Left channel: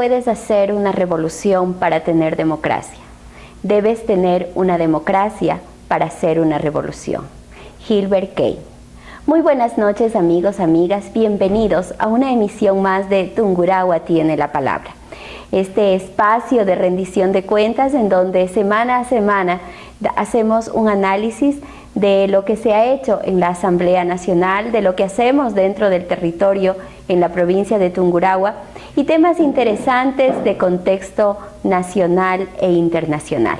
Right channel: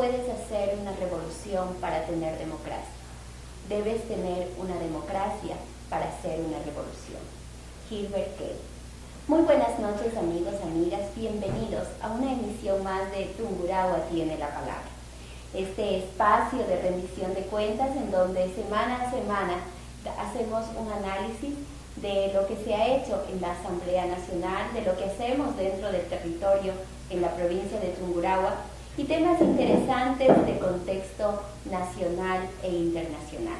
puedes hacer una revolución para tener democracia. Debes tener una democracia para hacer una revolución. Gilbert Keith. Muy buenas noches, amigos, amigas. Bienvenidos a una emisión más de Tungurahua tiene la palabra. Este espacio de rendición de cuentas en donde semana a semana hacemos un análisis de lo que se ha hecho en la Asamblea Nacional, de lo que hacemos dentro del territorio en la provincia de Tungurahua y temas interesantes de contexto nacional e internacional.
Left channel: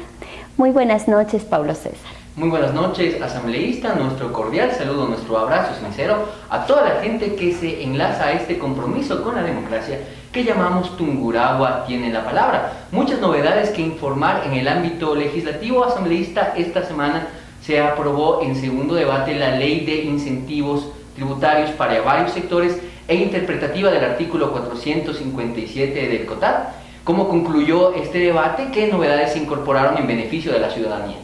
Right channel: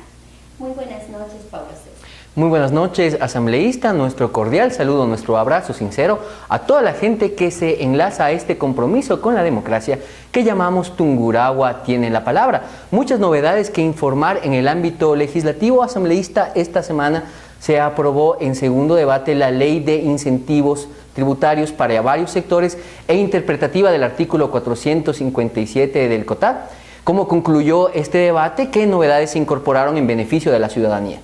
Muy buenas noches, Pablo César. Muy buenas noches, asambleísta. Nuestro cordial saludo, nuestro abrazo sincero a toda la gente que se enlaza a este compromiso con la democracia que llamamos Tungurahua tiene la palabra. Muchas novedades que informar en el ámbito legislativo. Asambleísta, esta semana se aprobó en segundo debate la ley de incentivos tributarios para varios sectores e interpretativa del artículo 457 del COTAD. ¿Cómo concluyó este debate? ¿Qué novedades se incorporaron en beneficio de la ciudadanía?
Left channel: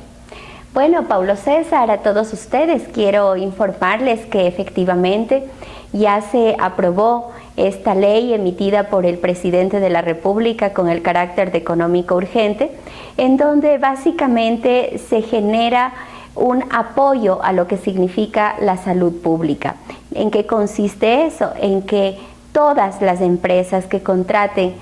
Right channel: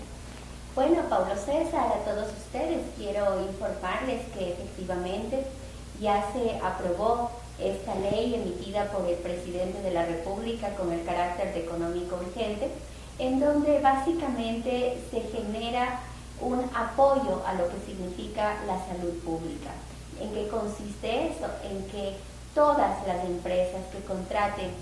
Bueno, Pablo César, a todos ustedes quiero informarles que efectivamente ya se aprobó esta ley emitida por el presidente de la República con el carácter de económico urgente, en donde básicamente se genera un apoyo a lo que significa la salud pública. ¿En qué consiste eso? En que todas las empresas que contraten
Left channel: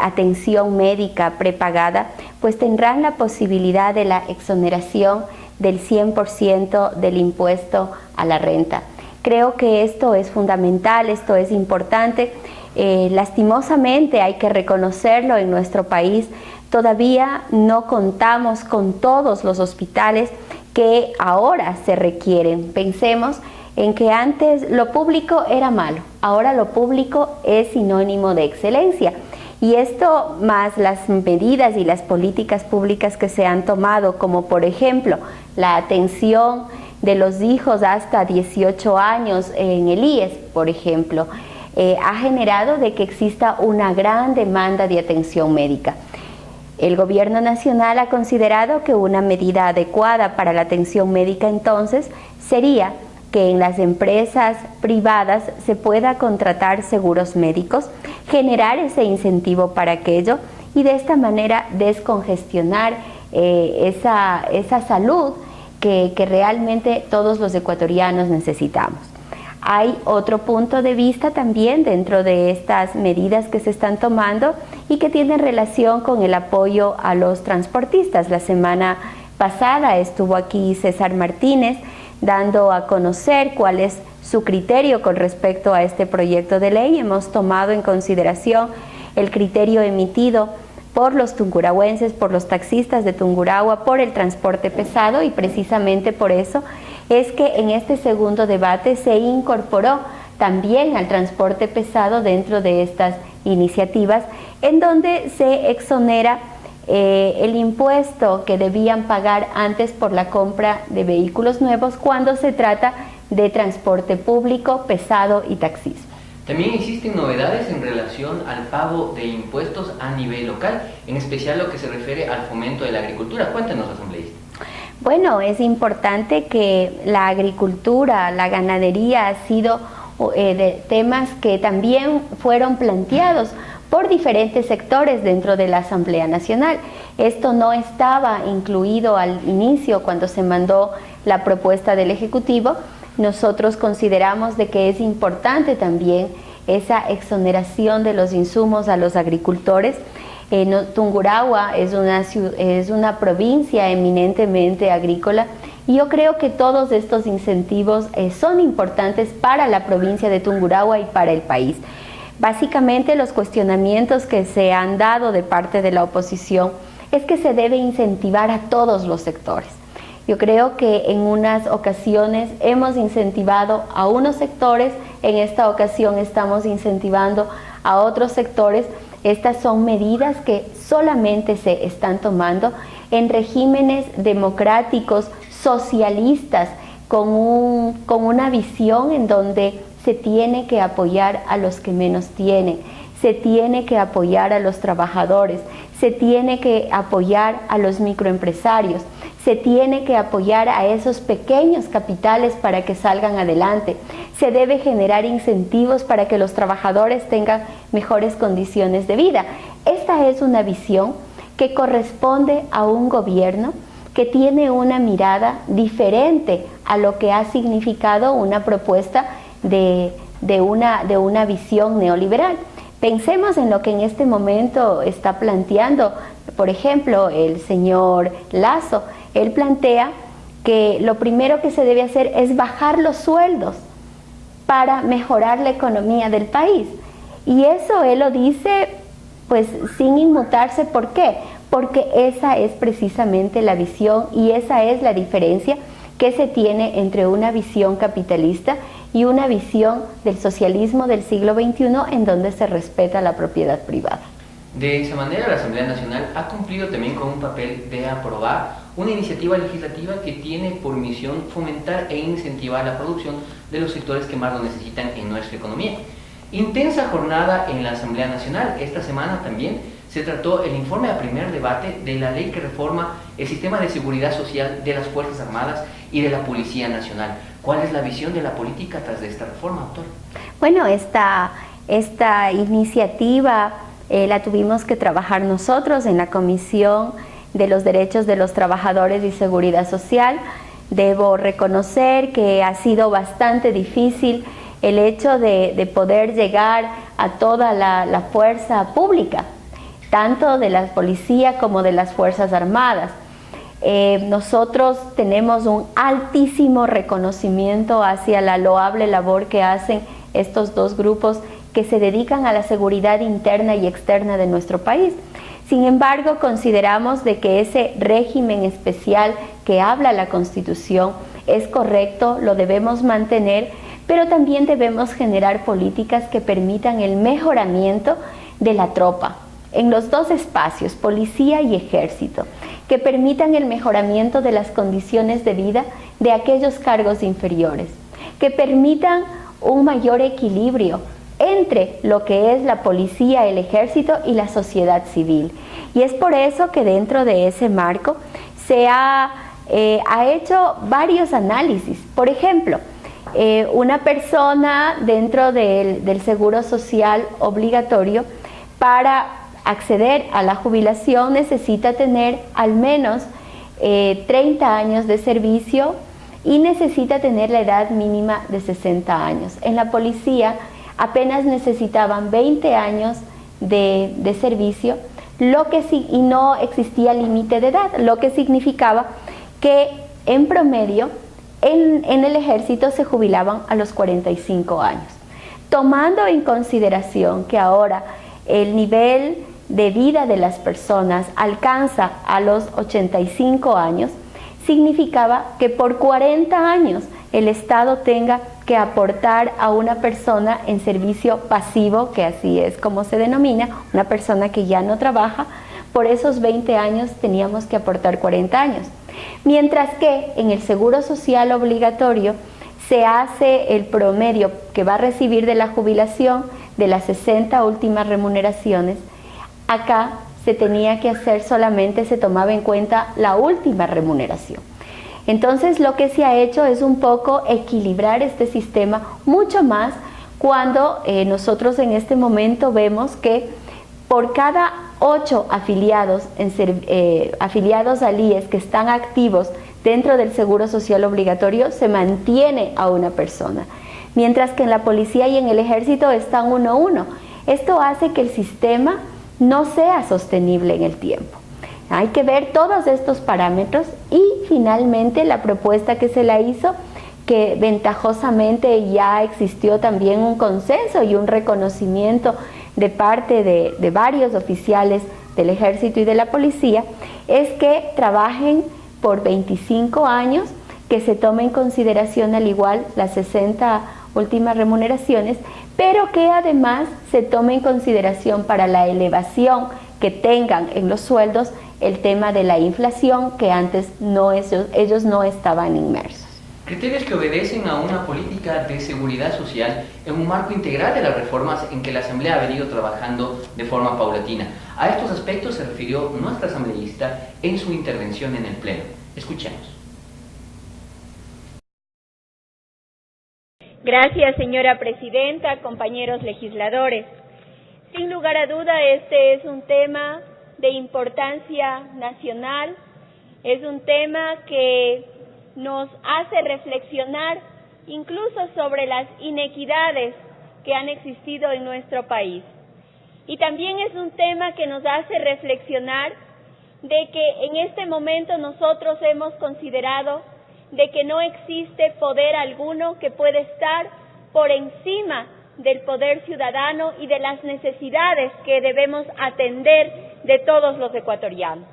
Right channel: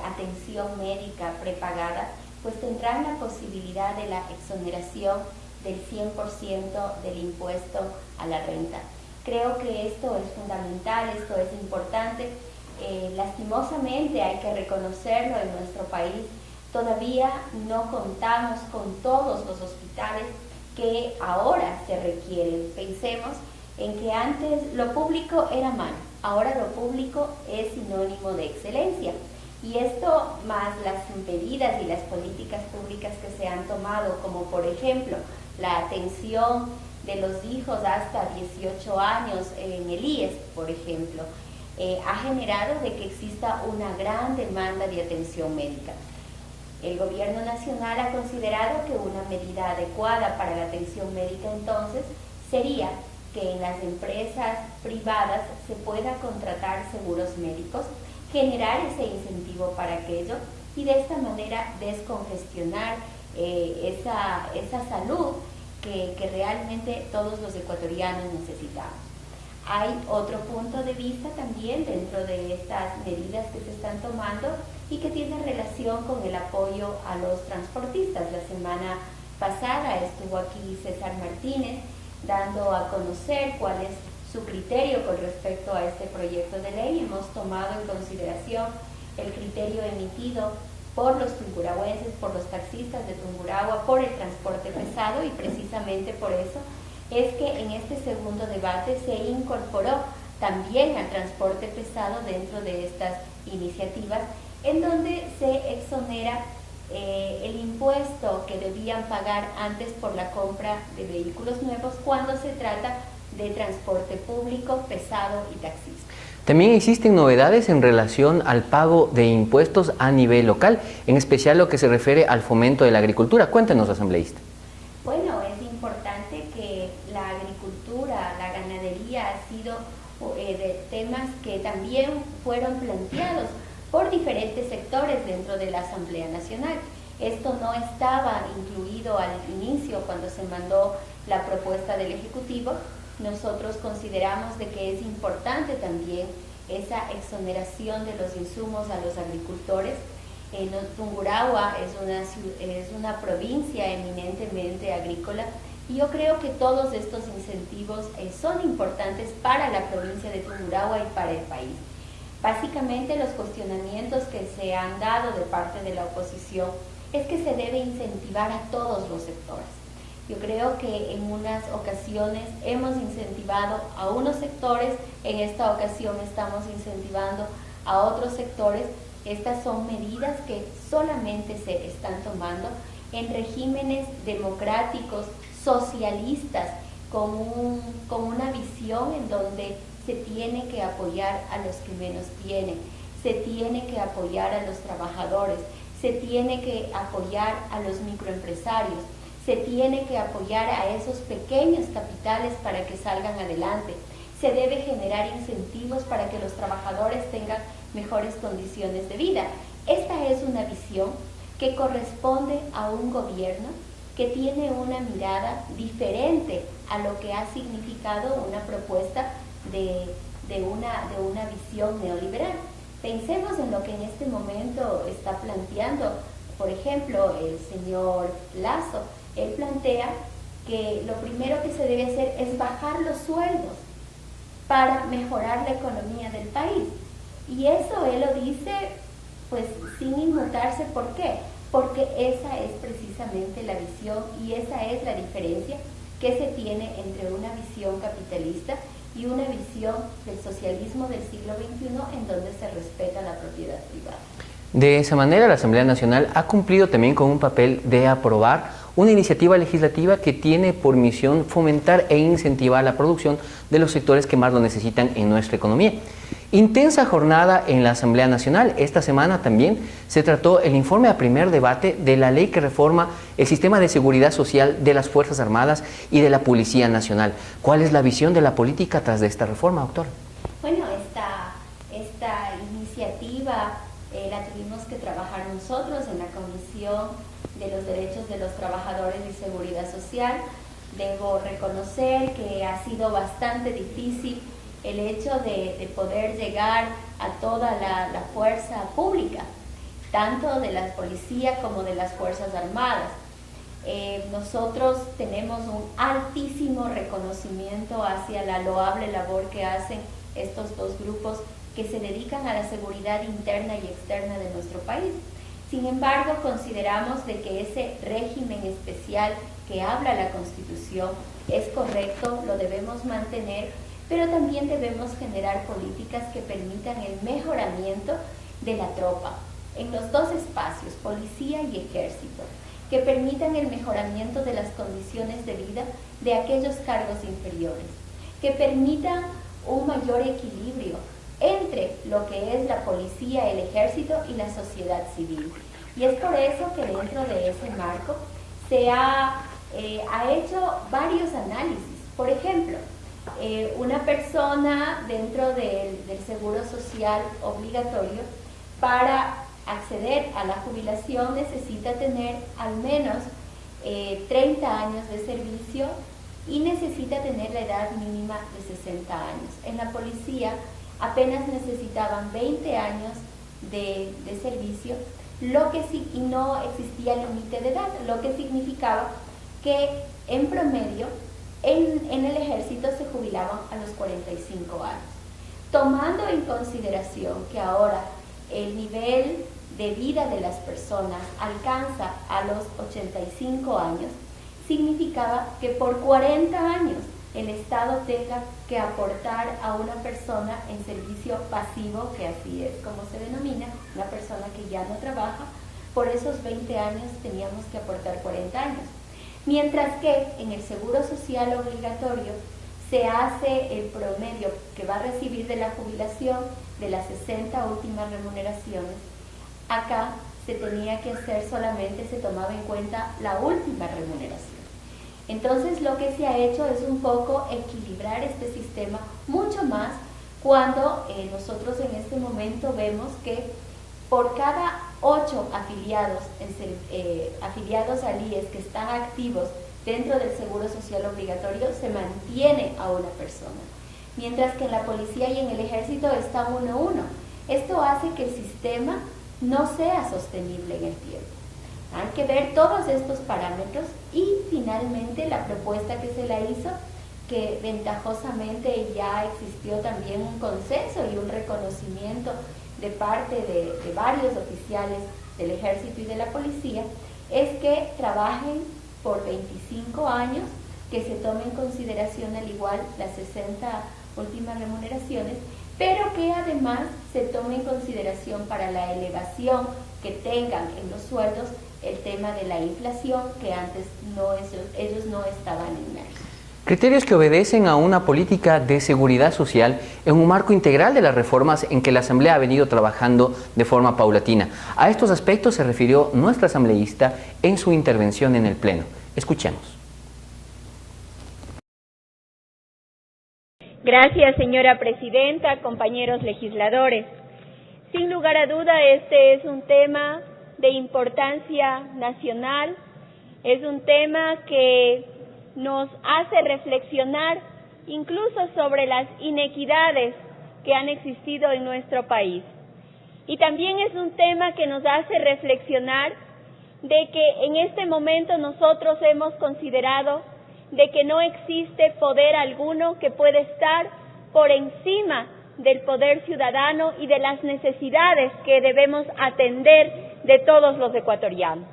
atención médica prepagada, pues tendrán la posibilidad de la exoneración del 100% del impuesto a la renta. Creo que esto es fundamental, esto es importante. Lastimosamente hay que reconocerlo, en nuestro país todavía no contamos con todos los hospitales que ahora se requieren. Pensemos en que antes lo público era malo, ahora lo público es sinónimo de excelencia. Y esto más las medidas y las políticas públicas que se han tomado, como por ejemplo la atención de los hijos hasta 18 años en el IES, por ejemplo, ha generado de que exista una gran demanda de atención médica. El gobierno nacional ha considerado que una medida adecuada para la atención médica entonces sería que en las empresas privadas se pueda contratar seguros médicos, generar ese incentivo para aquello y de esta manera descongestionar esa salud que realmente todos los ecuatorianos necesitamos. Hay otro punto de vista también dentro de estas medidas que se están tomando y que tienen relación con el apoyo a los transportistas. La semana pasada estuvo aquí César Martínez dando a conocer cuál es su criterio con respecto a este proyecto de ley. Hemos tomado en consideración el criterio emitido por los tungurahuenses, por los taxistas de Tungurahua, por el transporte pesado, y precisamente por eso es que en este segundo debate se incorporó también al transporte pesado dentro de estas iniciativas, en donde se exonera el impuesto que debían pagar antes por la compra de vehículos nuevos cuando se trata de transporte público, pesado y taxismo. También existen novedades en relación al pago de impuestos a nivel local, en especial lo que se refiere al fomento de la agricultura. Cuéntenos, asambleísta. Bueno, es importante que la agricultura, la ganadería ha sido de temas que también fueron planteados por diferentes sectores dentro de la Asamblea Nacional. Esto no estaba incluido al inicio cuando se mandó la propuesta del Ejecutivo. Nosotros consideramos de que es importante también esa exoneración de los insumos a los agricultores. Tungurahua es una provincia eminentemente agrícola y yo creo que todos estos incentivos son importantes para la provincia de Tungurahua y para el país. Básicamente los cuestionamientos que se han dado de parte de la oposición es que se debe incentivar a todos los sectores. Yo creo que en unas ocasiones hemos incentivado a unos sectores, en esta ocasión estamos incentivando a otros sectores. Estas son medidas que solamente se están tomando en regímenes democráticos, socialistas, con una visión en donde se tiene que apoyar a los que menos tienen, se tiene que apoyar a los trabajadores, se tiene que apoyar a los microempresarios, se tiene que apoyar a esos pequeños capitales para que salgan adelante, se debe generar incentivos para que los trabajadores tengan mejores condiciones de vida. Esta es una visión que corresponde a un gobierno que tiene una mirada diferente a lo que ha significado una propuesta de una visión neoliberal. Pensemos en lo que en este momento está planteando, por ejemplo, el señor Lasso. Él plantea que lo primero que se debe hacer es bajar los sueldos para mejorar la economía del país. Y eso él lo dice pues sin inmutarse. ¿Por qué? Porque esa es precisamente la visión y esa es la diferencia que se tiene entre una visión capitalista y una visión del socialismo del siglo XXI en donde se respeta la propiedad privada. De esa manera, la Asamblea Nacional ha cumplido también con un papel de aprobar una iniciativa legislativa que tiene por misión fomentar e incentivar la producción de los sectores que más lo necesitan en nuestra economía. Intensa jornada en la Asamblea Nacional. Esta semana también se trató el informe a primer debate de la ley que reforma el sistema de seguridad social de las Fuerzas Armadas y de la Policía Nacional. ¿Cuál es la visión de la política tras de esta reforma, doctor? Bueno, esta iniciativa la tuvimos que trabajar nosotros en la Comisión de los Derechos de los Trabajadores y Seguridad Social. Debo reconocer que ha sido bastante difícil el hecho de poder llegar a toda la fuerza pública, tanto de la policía como de las Fuerzas Armadas. Nosotros tenemos un altísimo reconocimiento hacia la loable labor que hacen estos dos grupos que se dedican a la seguridad interna y externa de nuestro país. Sin embargo, consideramos de que ese régimen especial que habla la Constitución es correcto, lo debemos mantener, pero también debemos generar políticas que permitan el mejoramiento de la tropa en los dos espacios, policía y ejército, que permitan el mejoramiento de las condiciones de vida de aquellos cargos inferiores, que permitan un mayor equilibrio entre lo que es la policía, el ejército y la sociedad civil. Y es por eso que dentro de ese marco se ha hecho varios análisis. Por ejemplo, una persona dentro del seguro social obligatorio, para acceder a la jubilación necesita tener al menos 30 años de servicio y necesita tener la edad mínima de 60 años. En la policía apenas necesitaban 20 años de servicio, y no existía límite de edad, lo que significaba que en promedio en el ejército se jubilaban a los 45 años. Tomando en consideración que ahora el nivel de vida de las personas alcanza a los 85 años, significaba que por 40 años el Estado tenga que aportar a una persona en servicio pasivo, que así es como se denomina, una persona que ya no trabaja. Por esos 20 años teníamos que aportar 40 años. Mientras que en el seguro social obligatorio se hace el promedio que va a recibir de la jubilación de las 60 últimas remuneraciones. Acá se tenía que hacer solamente, se tomaba en cuenta la última remuneración. Entonces lo que se ha hecho es un poco equilibrar este sistema mucho más cuando nosotros en este momento vemos que por cada 8 afiliados, afiliados al IES que están activos dentro del seguro social obligatorio, se mantiene a una persona, mientras que en la policía y en el ejército están 1 a 1. Esto hace que el sistema no sea sostenible en el tiempo. Hay que ver todos estos parámetros y finalmente la propuesta que se la hizo, que ventajosamente ya existió también un consenso y un reconocimiento de parte de varios oficiales del ejército y de la policía, es que trabajen por 25 años, que se tome en consideración al igual las 60 últimas remuneraciones, pero que además se tome en consideración para la elevación que tengan en los sueldos el tema de la inflación, que antes ellos no estaban inmersos. Criterios que obedecen a una política de seguridad social en un marco integral de las reformas en que la Asamblea ha venido trabajando de forma paulatina. A estos aspectos se refirió nuestra asambleísta en su intervención en el Pleno. Escuchemos. Gracias, señora presidenta, compañeros legisladores. Sin lugar a duda, este es un tema de importancia nacional, es un tema que nos hace reflexionar incluso sobre las inequidades que han existido en nuestro país. Y también es un tema que nos hace reflexionar de que en este momento nosotros hemos considerado de que no existe poder alguno que pueda estar por encima del poder ciudadano y de las necesidades que debemos atender de todos los ecuatorianos.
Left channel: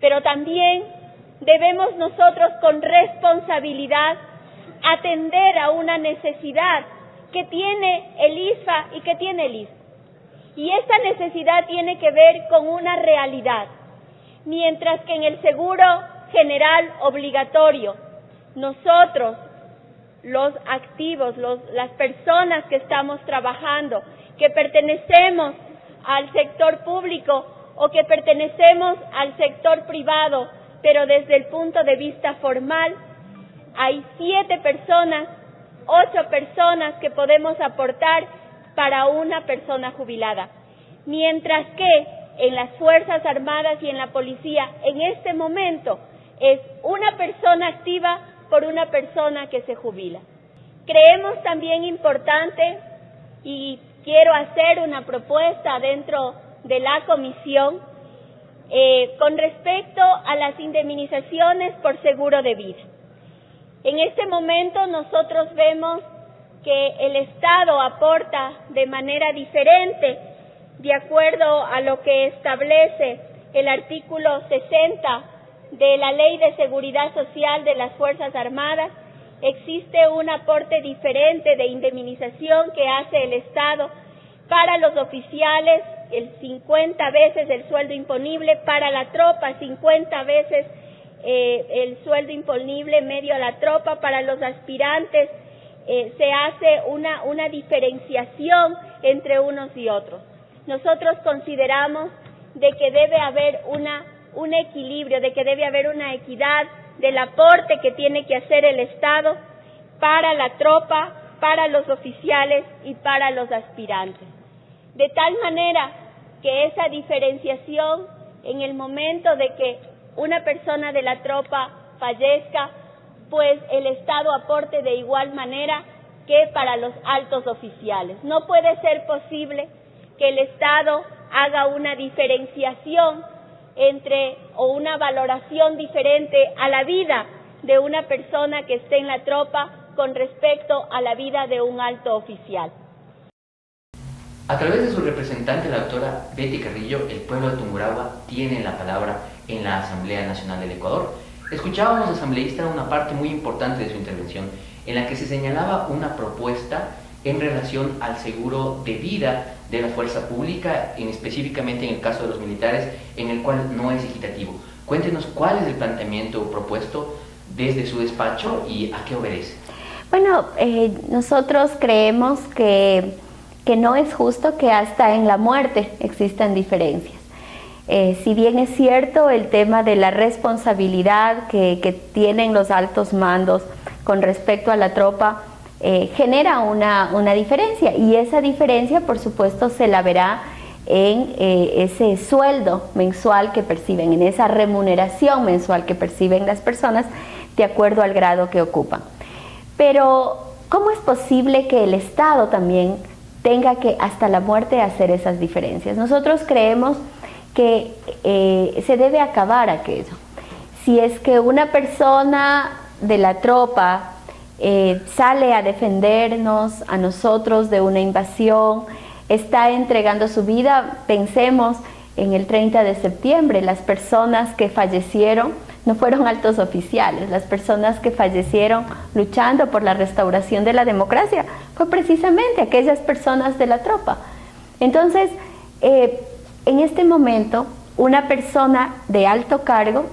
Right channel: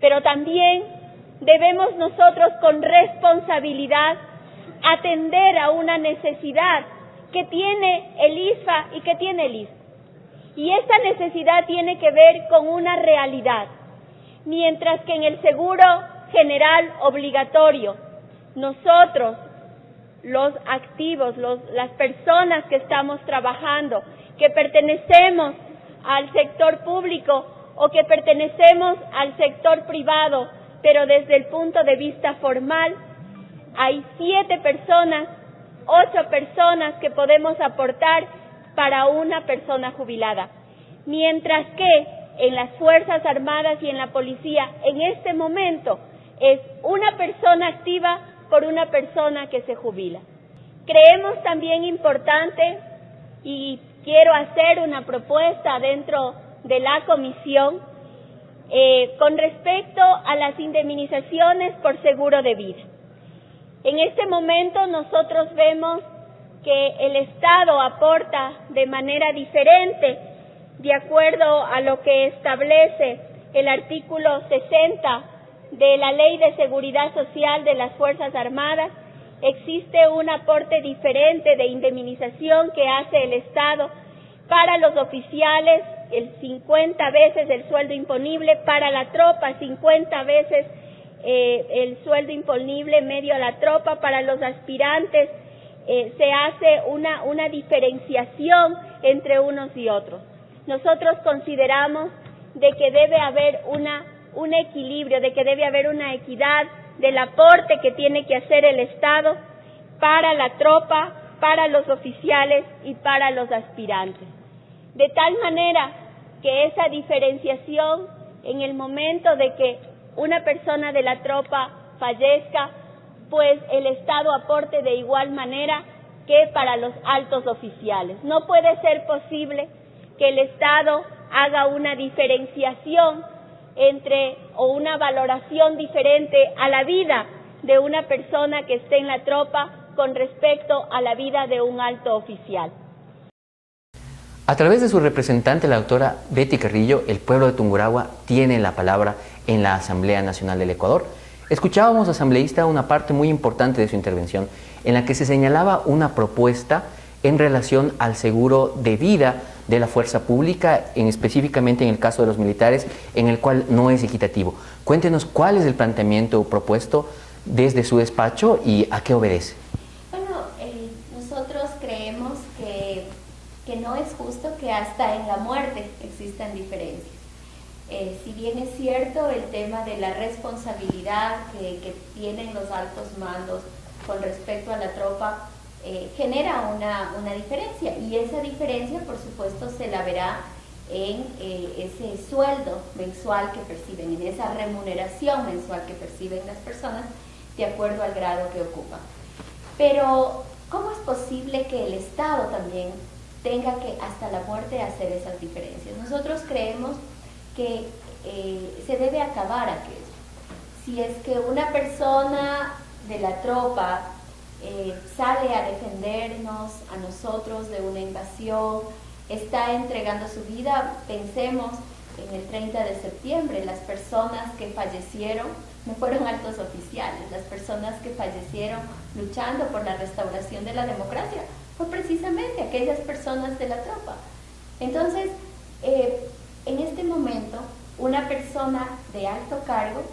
Pero también debemos nosotros con responsabilidad atender a una necesidad que tiene el ISFA y que tiene el ISSSTE. Y esta necesidad tiene que ver con una realidad. Mientras que en el seguro general obligatorio, nosotros, los activos, las personas que estamos trabajando, que pertenecemos al sector público o que pertenecemos al sector privado, pero desde el punto de vista formal, hay 7 personas, 8 personas que podemos aportar para una persona jubilada. Mientras que en las Fuerzas Armadas y en la Policía, en este momento, es una persona activa por una persona que se jubila. Creemos también importante, y quiero hacer una propuesta dentro de la comisión, con respecto a las indemnizaciones por seguro de vida. En este momento nosotros vemos que el Estado aporta de manera diferente, de acuerdo a lo que establece el artículo 60 de la Ley de Seguridad Social de las Fuerzas Armadas. Existe un aporte diferente de indemnización que hace el Estado para los oficiales, el 50 veces el sueldo imponible, para la tropa 50 veces el sueldo imponible medio a la tropa, para los aspirantes se hace una diferenciación entre unos y otros. Nosotros consideramos de que debe haber un equilibrio, de que debe haber una equidad del aporte que tiene que hacer el Estado para la tropa, para los oficiales y para los aspirantes. De tal manera que esa diferenciación, en el momento de que una persona de la tropa fallezca, pues el Estado aporte de igual manera que para los altos oficiales. No puede ser posible que el Estado haga una diferenciación o una valoración diferente a la vida de una persona que esté en la tropa con respecto a la vida de un alto oficial. A través de su representante, la doctora Betty Carrillo, el pueblo de Tungurahua tiene la palabra en la Asamblea Nacional del Ecuador. Escuchábamos, asambleísta, una parte muy importante de su intervención en la que se señalaba una propuesta en relación al seguro de vida de la fuerza pública, específicamente en el caso de los militares, en el cual no es equitativo. Cuéntenos cuál es el planteamiento propuesto desde su despacho y a qué obedece. Bueno, nosotros creemos que no es justo que hasta en la muerte existan diferencias. Si bien es cierto el tema de la responsabilidad que tienen los altos mandos con respecto a la tropa, genera una diferencia, y esa diferencia por supuesto se la verá en ese sueldo mensual que perciben, en esa remuneración mensual que perciben las personas de acuerdo al grado que ocupan. Pero ¿cómo es posible que el Estado también tenga que hasta la muerte hacer esas diferencias? Nosotros creemos que se debe acabar aquello. Si es que una persona de la tropa sale a defendernos a nosotros de una invasión, está entregando su vida, pensemos en el 30 de septiembre, las personas que fallecieron no fueron altos oficiales, las personas que fallecieron luchando por la restauración de la democracia fue precisamente aquellas personas de la tropa. Entonces, en este momento, una persona de alto cargo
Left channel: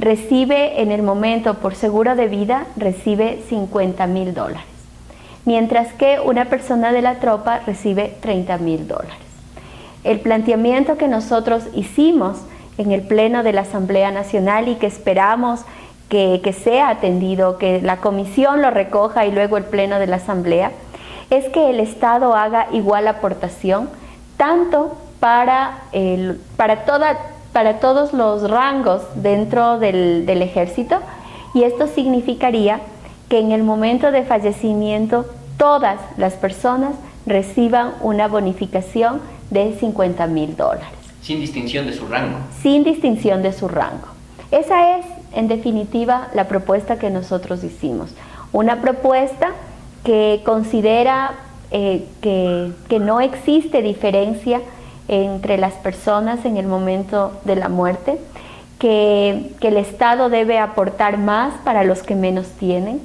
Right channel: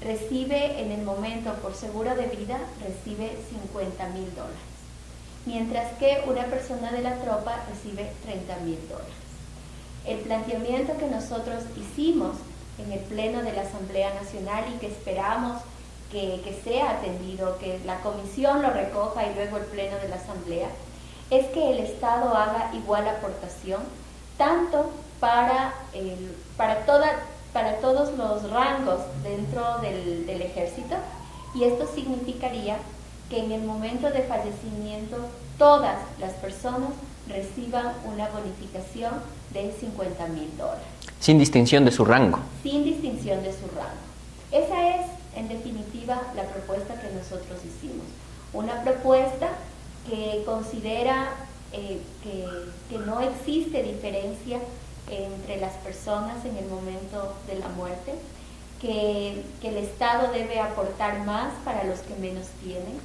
recibe en el momento por seguro de vida, recibe $50,000, mientras que una persona de la tropa recibe $30,000. El planteamiento que nosotros hicimos en el Pleno de la Asamblea Nacional y que esperamos que sea atendido, que la comisión lo recoja y luego el Pleno de la Asamblea, es que el Estado haga igual aportación, tanto para todos los rangos dentro del ejército, y esto significaría que en el momento de fallecimiento todas las personas reciban una bonificación de $50,000. Sin distinción de su rango. Sin distinción de su rango. Esa es, en definitiva, la propuesta que nosotros hicimos. Una propuesta que considera que no existe diferencia entre las personas en el momento de la muerte, que el Estado debe aportar más para los que menos tienen,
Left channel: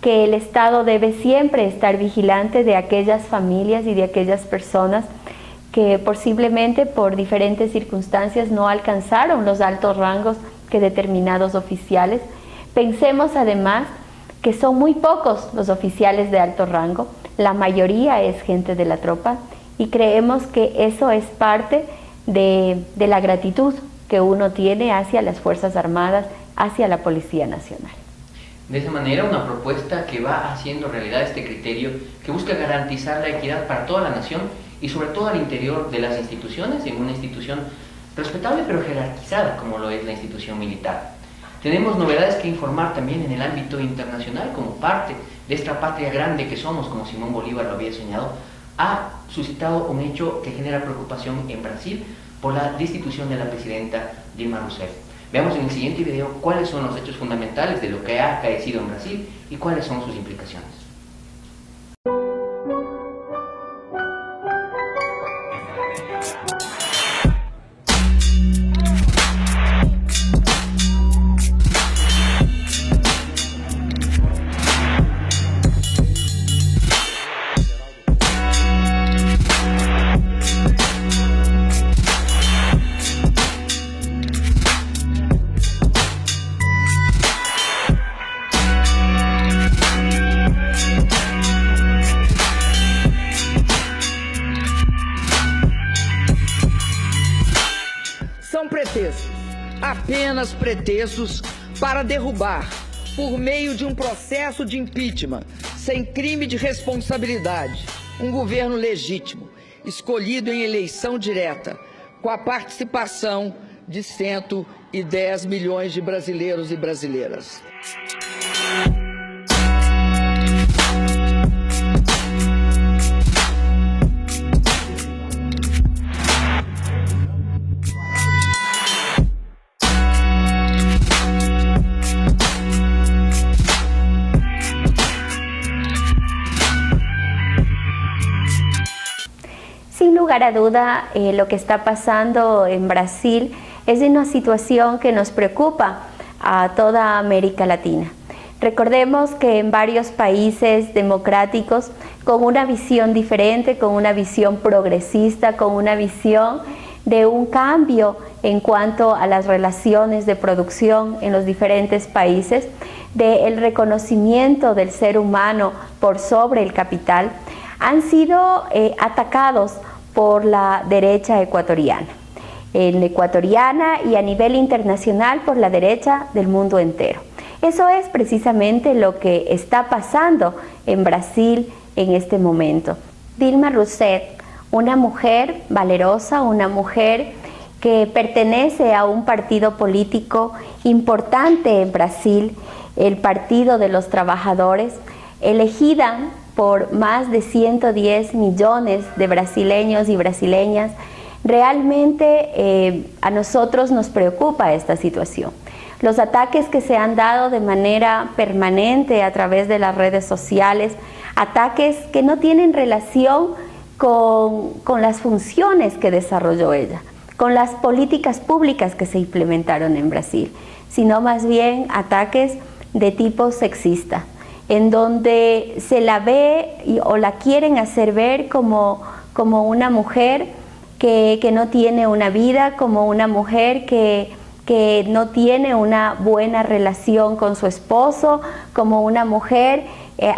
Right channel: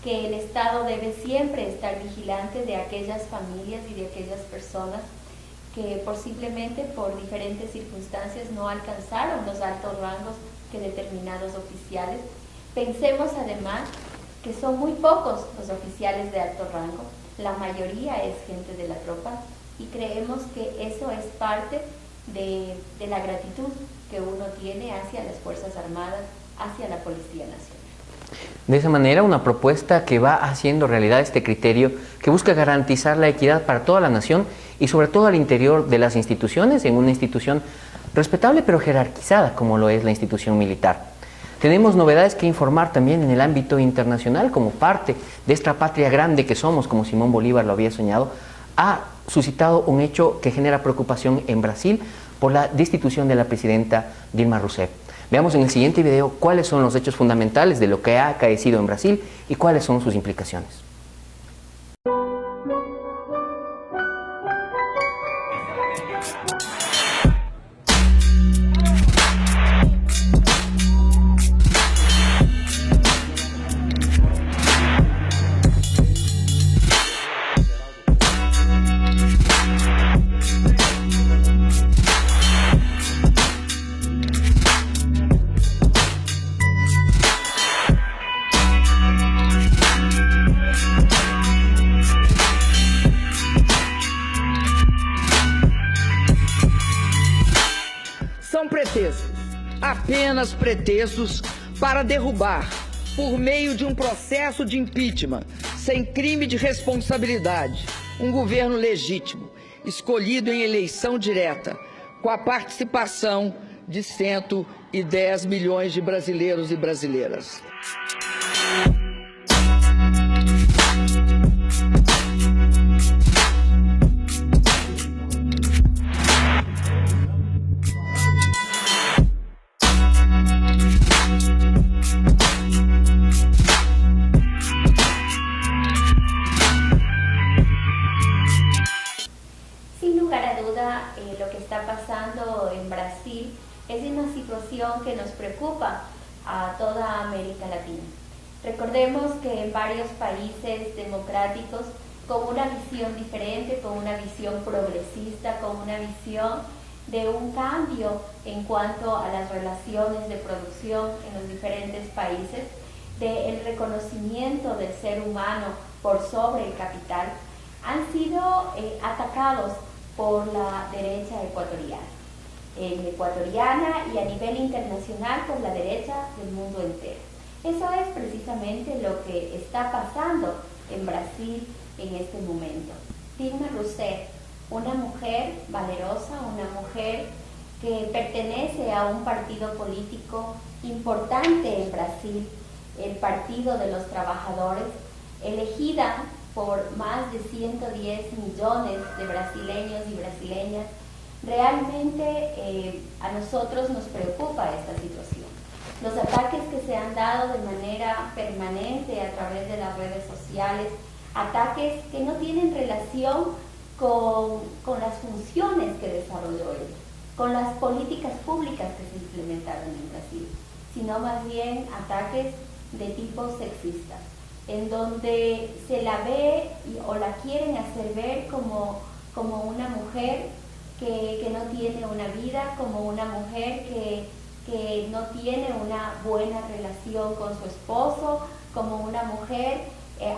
que el Estado debe siempre estar vigilante de aquellas familias y de aquellas personas que posiblemente por diferentes circunstancias no alcanzaron los altos rangos que determinados oficiales. Pensemos además que son muy pocos los oficiales de alto rango, la mayoría es gente de la tropa, y creemos que eso es parte de la gratitud que uno tiene hacia las Fuerzas Armadas, hacia la Policía Nacional. De esa manera, una propuesta que va haciendo realidad este criterio que busca garantizar la equidad para toda la nación y sobre todo al interior de las instituciones, en una institución respetable pero jerarquizada como lo es la institución militar. Tenemos novedades que informar también en el ámbito internacional como parte de esta patria grande que somos, como Simón Bolívar lo había soñado. Ha suscitado un hecho que genera preocupación en Brasil por la destitución de la presidenta Dilma Rousseff. Veamos en el siguiente video cuáles son los hechos fundamentales de lo que ha acaecido en Brasil y cuáles son sus implicaciones. São pretextos, apenas pretextos para derrubar, por meio de um processo de impeachment, sem crime de responsabilidade, um governo legítimo, escolhido em eleição direta, com a participação de 110 milhões de brasileiros e brasileiras. Sin lugar a duda, lo que está pasando en Brasil es una situación que nos preocupa a toda América Latina. Recordemos que en varios países democráticos, con una visión diferente, con una visión progresista, con una visión de un cambio en cuanto a las relaciones de producción en los diferentes países, del reconocimiento del ser humano por sobre el capital, han sido atacados por la derecha ecuatoriana. Ecuatoriana y a nivel internacional por la derecha del mundo entero. Eso es precisamente lo que está pasando en Brasil en este momento. Dilma Rousseff, una mujer valerosa, una mujer que pertenece a un partido político importante en Brasil, el Partido de los Trabajadores, elegida por más de 110 millones de brasileños y brasileñas. Realmente a nosotros nos preocupa esta situación. Los ataques que se han dado de manera permanente a través de las redes sociales, ataques que no tienen relación con las funciones que desarrolló ella, con las políticas públicas que se implementaron en Brasil, sino más bien ataques de tipo sexista, en donde se la ve o la quieren hacer ver como una mujer que no tiene una vida, como una mujer que no tiene una buena relación con su esposo, como una mujer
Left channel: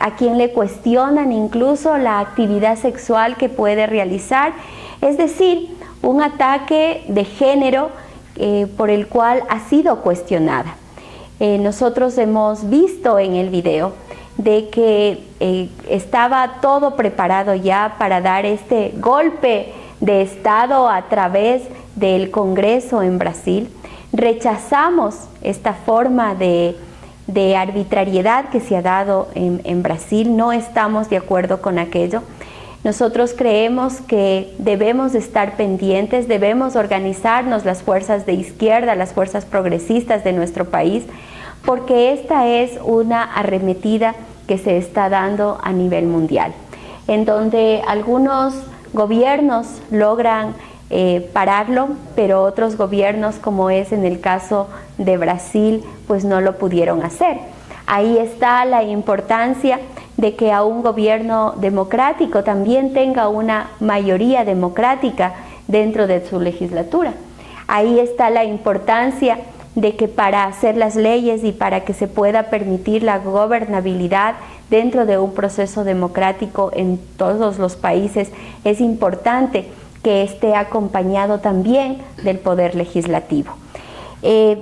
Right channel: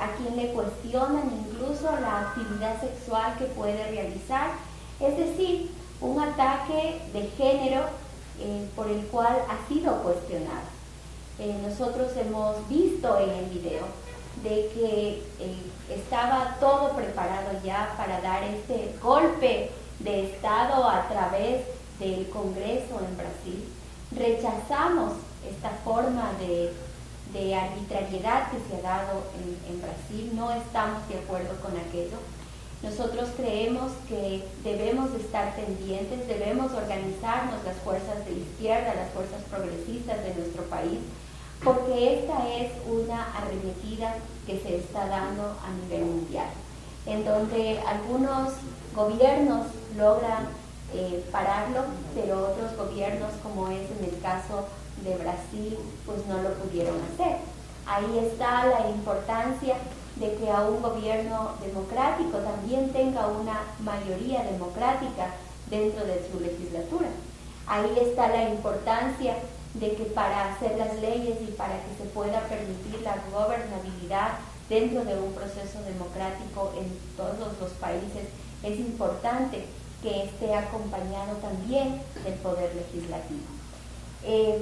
a quien le cuestionan incluso la actividad sexual que puede realizar. Es decir, un ataque de género por el cual ha sido cuestionada. Nosotros hemos visto en el video de que estaba todo preparado ya para dar este golpe de Estado a través del Congreso en Brasil. Rechazamos esta forma de arbitrariedad que se ha dado en Brasil, no estamos de acuerdo con aquello. Nosotros creemos que debemos estar pendientes, debemos organizarnos las fuerzas de izquierda, las fuerzas progresistas de nuestro país, porque esta es una arremetida que se está dando a nivel mundial, en donde algunos gobiernos logran pararlo, pero otros gobiernos, como es en el caso de Brasil, pues no lo pudieron hacer. Ahí está la importancia de que a un gobierno democrático también tenga una mayoría democrática dentro de su legislatura. Ahí está la importancia de que para hacer las leyes y para que se pueda permitir la gobernabilidad dentro de un proceso democrático en todos los países, es importante que esté acompañado también del poder legislativo.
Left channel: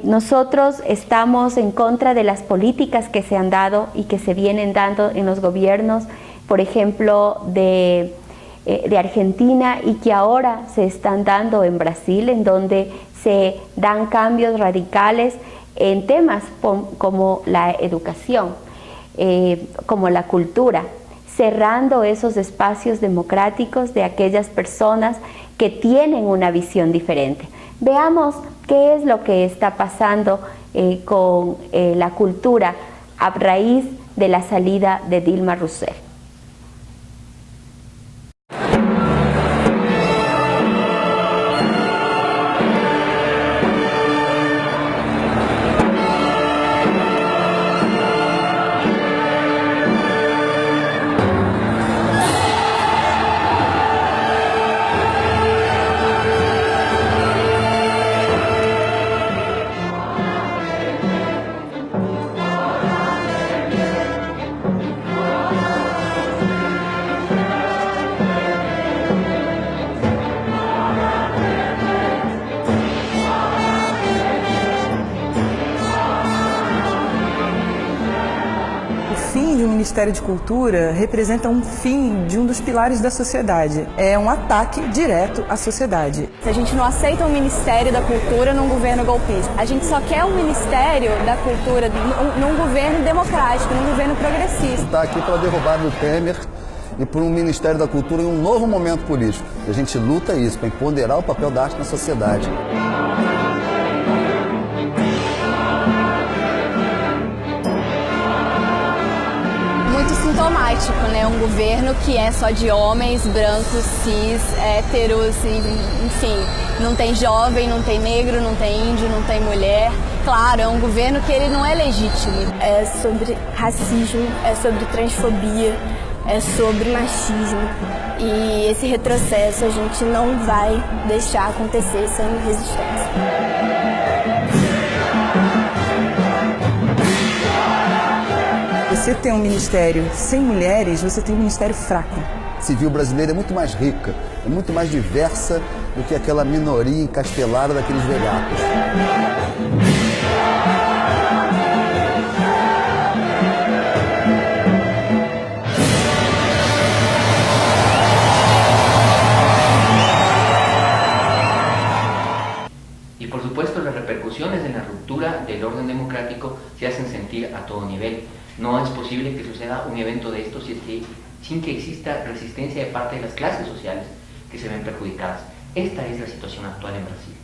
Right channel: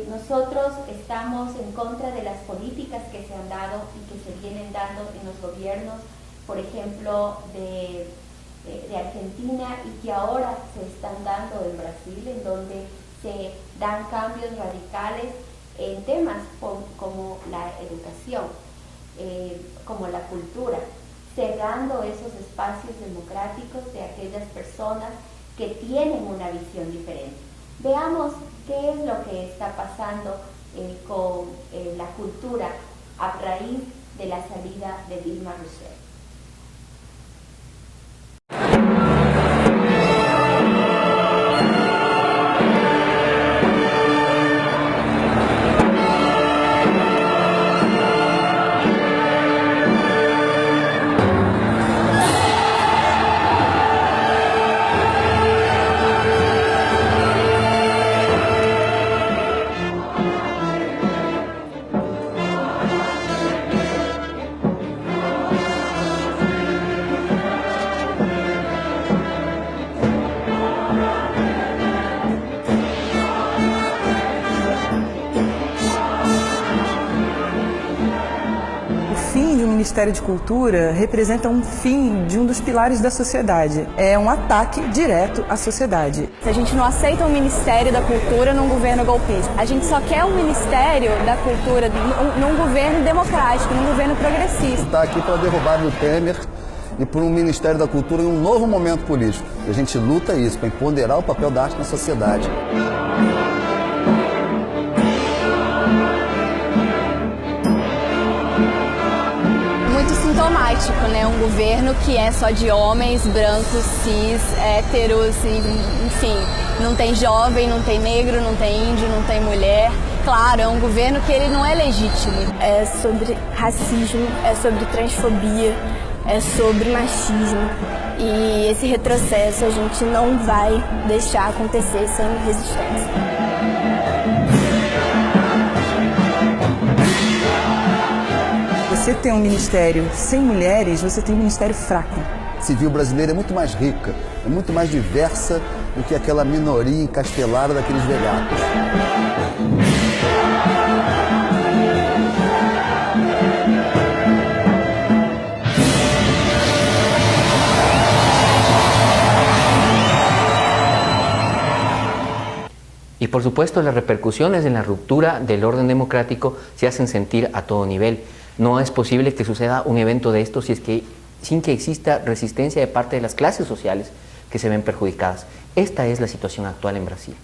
Nosotros estamos en contra de las políticas que se han dado y que se vienen dando en los gobiernos, por ejemplo, de Argentina, y que ahora se están dando en Brasil, en donde se dan cambios radicales en temas como la educación, como la cultura, cerrando esos espacios democráticos de aquellas personas que tienen una visión diferente. Veamos qué es lo que está pasando con la cultura a raíz de la salida de Dilma Rousseff. O Ministério de Cultura representa um fim de um dos pilares da sociedade. É um ataque direto à sociedade. A gente não aceita um Ministério da Cultura num governo golpista. A gente só quer um Ministério da Cultura num governo democrático, num governo progressista. Está aqui para derrubar o Temer e por um Ministério da Cultura em um novo momento político. E a gente luta isso, para empoderar o papel da arte na sociedade. Muito sintomático, né? Um governo que é só de homens, brancos, cis, héteros, enfim, não tem jovem, não tem negro, não tem índio, não tem mulher. Claro, é um governo que ele não é legítimo. É sobre racismo, é sobre transfobia, é sobre machismo. E esse retrocesso a gente não vai deixar acontecer sem resistência. Você tem um ministério sem mulheres, você tem um ministério fraco. A civil brasileira é muito mais rica, é muito mais diversa do que aquela minoria encastelada daqueles velhatos. Y por supuesto las repercusiones de la ruptura del orden democrático se hacen sentir a todo nivel. No es posible que suceda un evento de estos sin que exista resistencia de parte de las clases sociales que se ven perjudicadas. Esta es la situación actual en Brasil.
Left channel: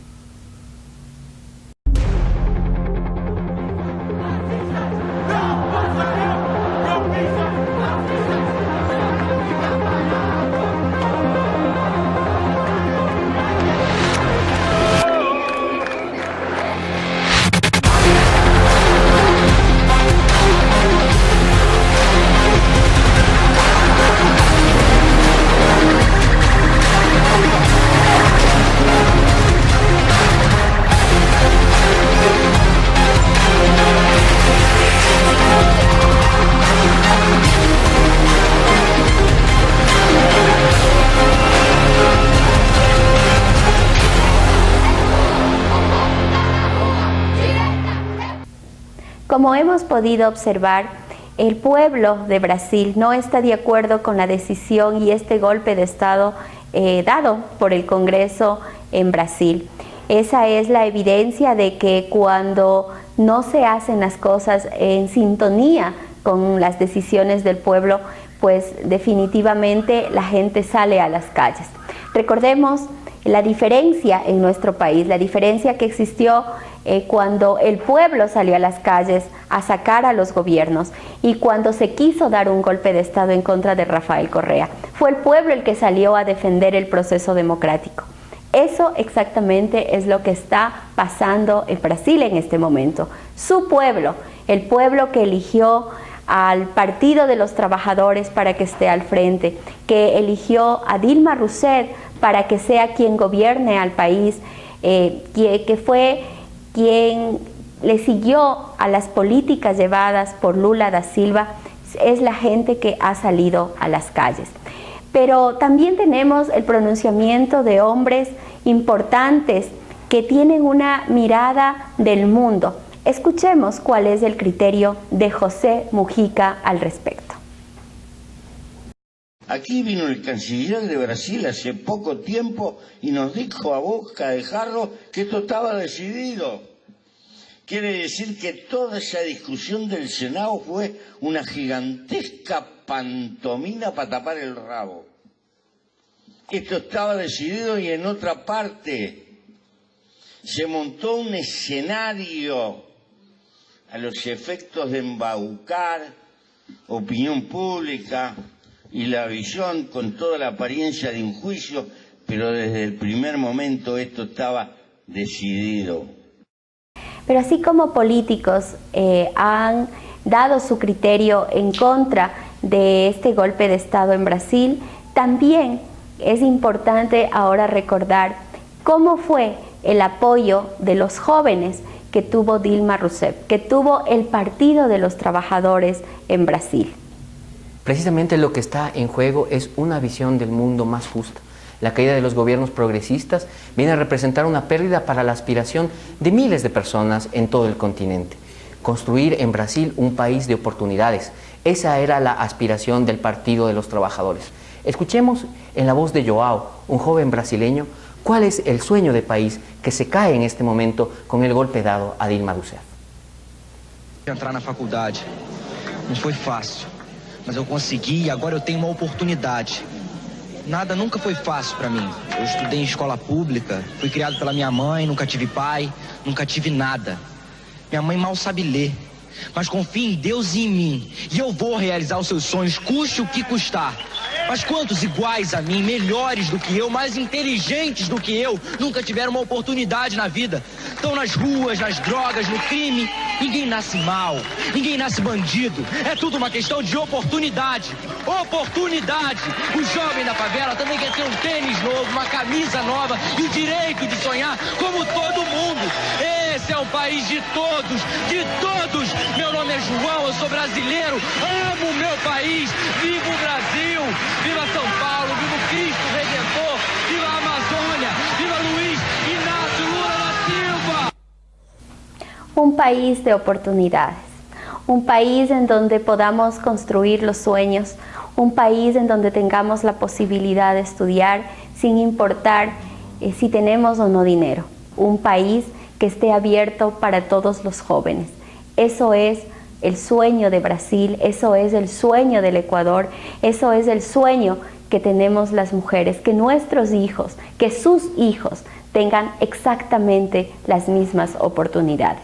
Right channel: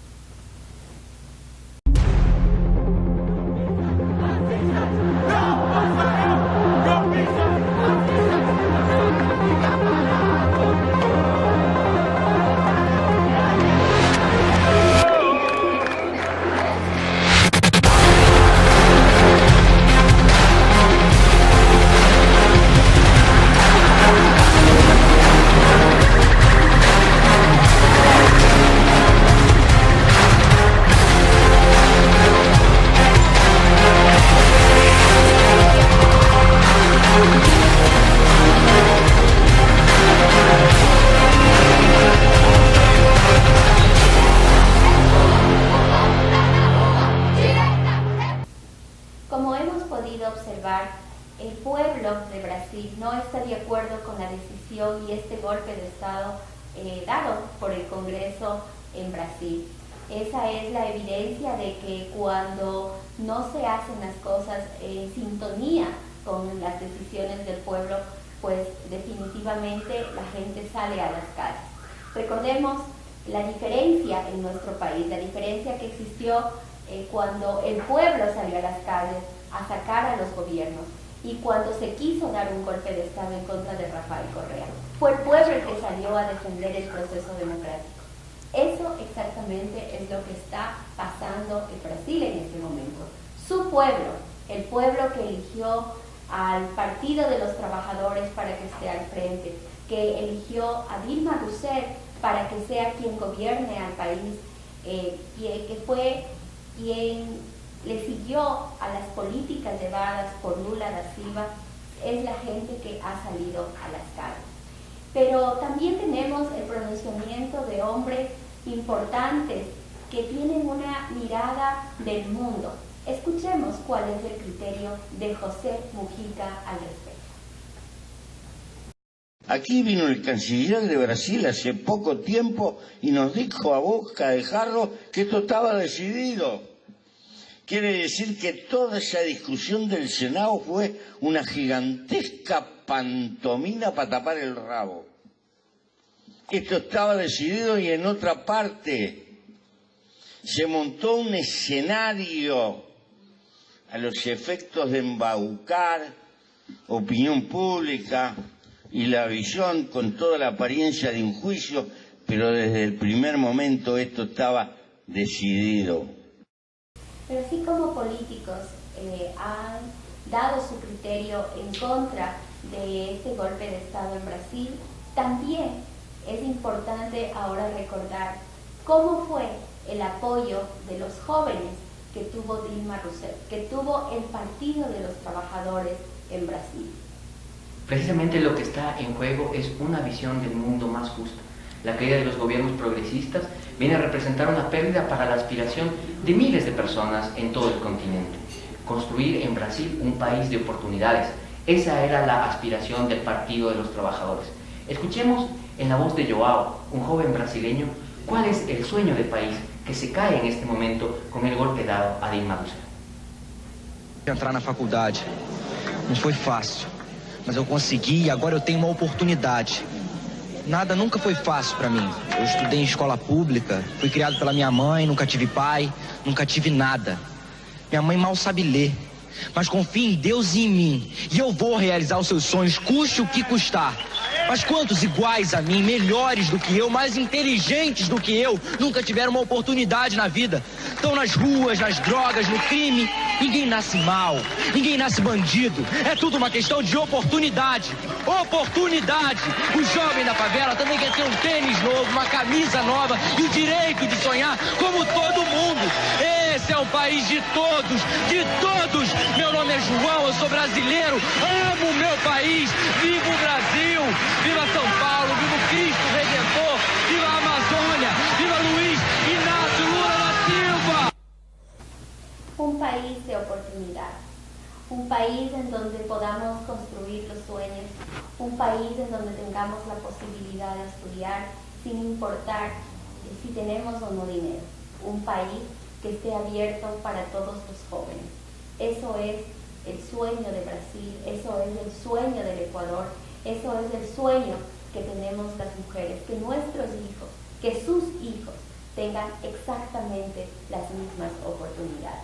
Como hemos podido observar, el pueblo de Brasil no está de acuerdo con la decisión y este golpe de Estado dado por el Congreso en Brasil. Esa es la evidencia de que cuando no se hacen las cosas en sintonía con las decisiones del pueblo, pues definitivamente la gente sale a las calles. Recordemos la diferencia en nuestro país, la diferencia que existió cuando el pueblo salió a las calles a sacar a los gobiernos y cuando se quiso dar un golpe de Estado en contra de Rafael Correa. Fue el pueblo el que salió a defender el proceso democrático. Eso exactamente es lo que está pasando en Brasil en este momento. Su pueblo, el pueblo que eligió al Partido de los Trabajadores para que esté al frente, que eligió a Dilma Rousseff para que sea quien gobierne al país, que fue quien le siguió a las políticas llevadas por Lula da Silva, es la gente que ha salido a las calles. Pero también tenemos el pronunciamiento de hombres importantes que tienen una mirada del mundo. Escuchemos cuál es el criterio de José Mujica al respecto. Aquí vino el canciller de Brasil hace poco tiempo y nos dijo a boca de jarro que esto estaba decidido. Quiere decir que toda esa discusión del Senado fue una gigantesca pantomima para tapar el rabo. Esto estaba decidido y en otra parte se montó un escenario a los efectos de embaucar opinión pública y la visión con toda la apariencia de un juicio, pero desde el primer momento esto estaba decidido. Pero así como políticos han dado su criterio en contra de este golpe de Estado en Brasil, también es importante ahora recordar cómo fue el apoyo de los jóvenes que tuvo Dilma Rousseff, que tuvo el Partido de los Trabajadores en Brasil. Precisamente lo que está en juego es una visión del mundo más justa. La caída de los gobiernos progresistas viene a representar una pérdida para la aspiración de miles de personas en todo el continente. Construir en Brasil un país de oportunidades. Esa era la aspiración del Partido de los Trabajadores. Escuchemos en la voz de Joao, un joven brasileño, cuál es el sueño de país que se cae en este momento con el golpe dado a Dilma Rousseff. Entrar na faculdade não foi fácil, mas eu consegui e agora eu tenho uma oportunidade. Nada nunca foi fácil para mim. Eu estudei em escola pública, fui criado pela minha mãe, nunca tive pai, nunca tive nada. Minha mãe mal sabe ler, mas confia em Deus e em mim. E eu vou realizar os seus sonhos, custe o que custar. Mas quantos iguais a mim, melhores do que eu, mais inteligentes do que eu, nunca tiveram uma oportunidade na vida? Estão nas ruas, nas drogas, no crime. Ninguém nasce mal, ninguém nasce bandido. É tudo uma questão de oportunidade. Oportunidade! O jovem da favela também quer ter um tênis novo, uma camisa nova e o direito de sonhar como todo mundo. Esse é um país de todos, de todos. Meu nome é João, eu sou brasileiro, amo o meu país. Viva o Brasil, viva São Paulo, viva o Cristo Redentor, viva a Amazônia, viva Luiz Inácio Lula da Silva. Un país de oportunidades, un país en donde podamos construir los sueños, un país en donde tengamos la posibilidad de estudiar sin importar si tenemos o no dinero, un país que esté abierto para todos los jóvenes. Eso es el sueño de Brasil, eso es el sueño del Ecuador, eso es el sueño que tenemos las mujeres, que nuestros hijos, que sus hijos tengan exactamente las mismas oportunidades.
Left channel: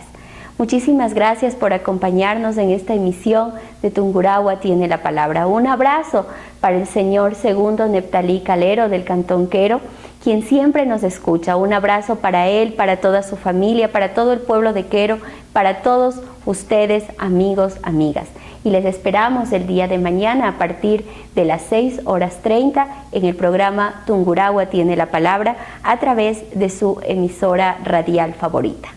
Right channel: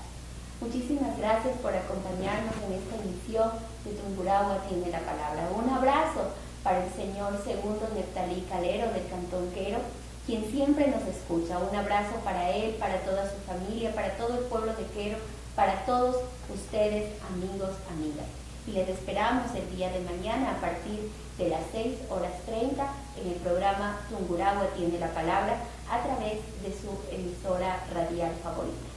Muchísimas gracias por acompañarnos en esta emisión de Tungurahua tiene la palabra. Un abrazo para el señor Segundo Neptalí Calero del Cantón Quero, quien siempre nos escucha. Un abrazo para él, para toda su familia, para todo el pueblo de Quero, para todos ustedes, amigos, amigas. Y les esperamos el día de mañana a partir de las 6:30 en el programa Tungurahua tiene la palabra a través de su emisora radial favorita.